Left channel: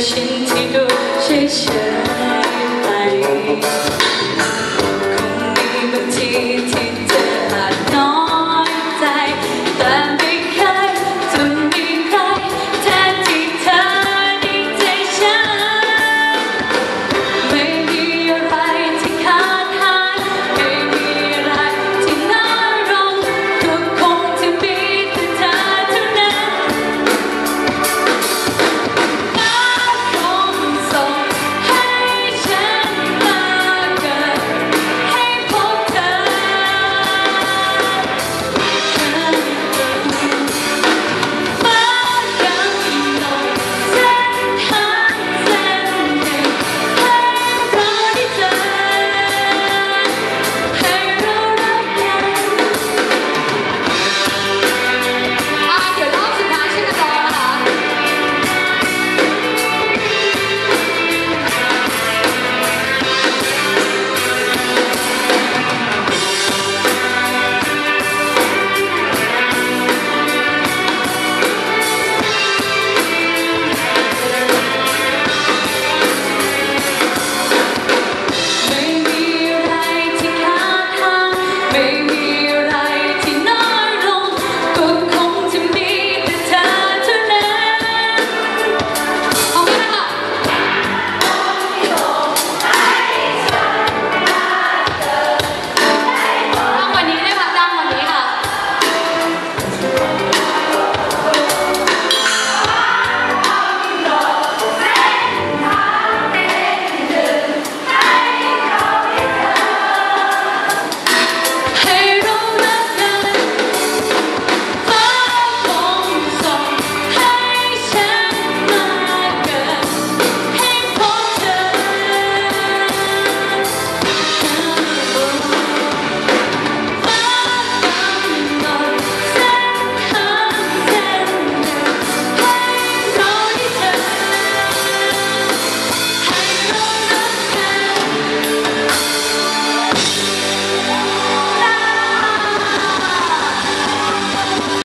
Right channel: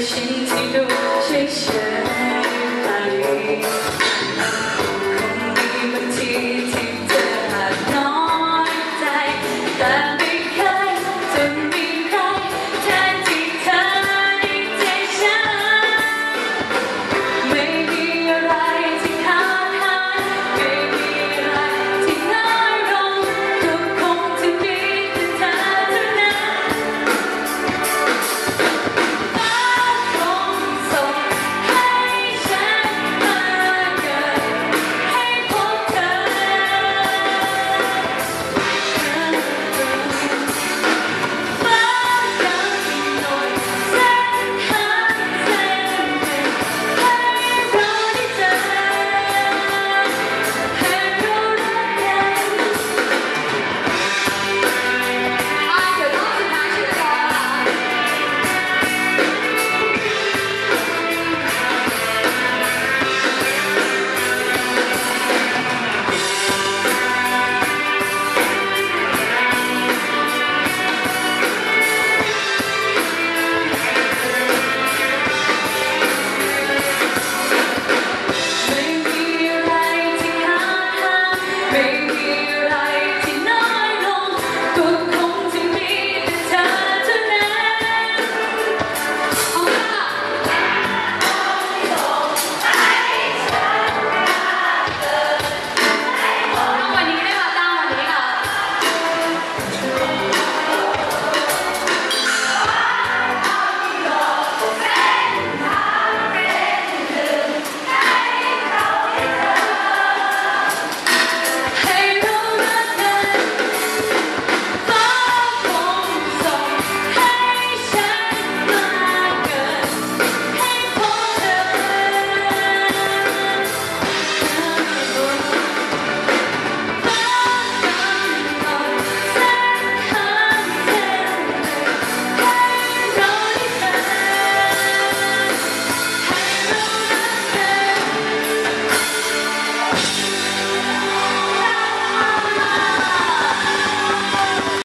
身体都谁醒。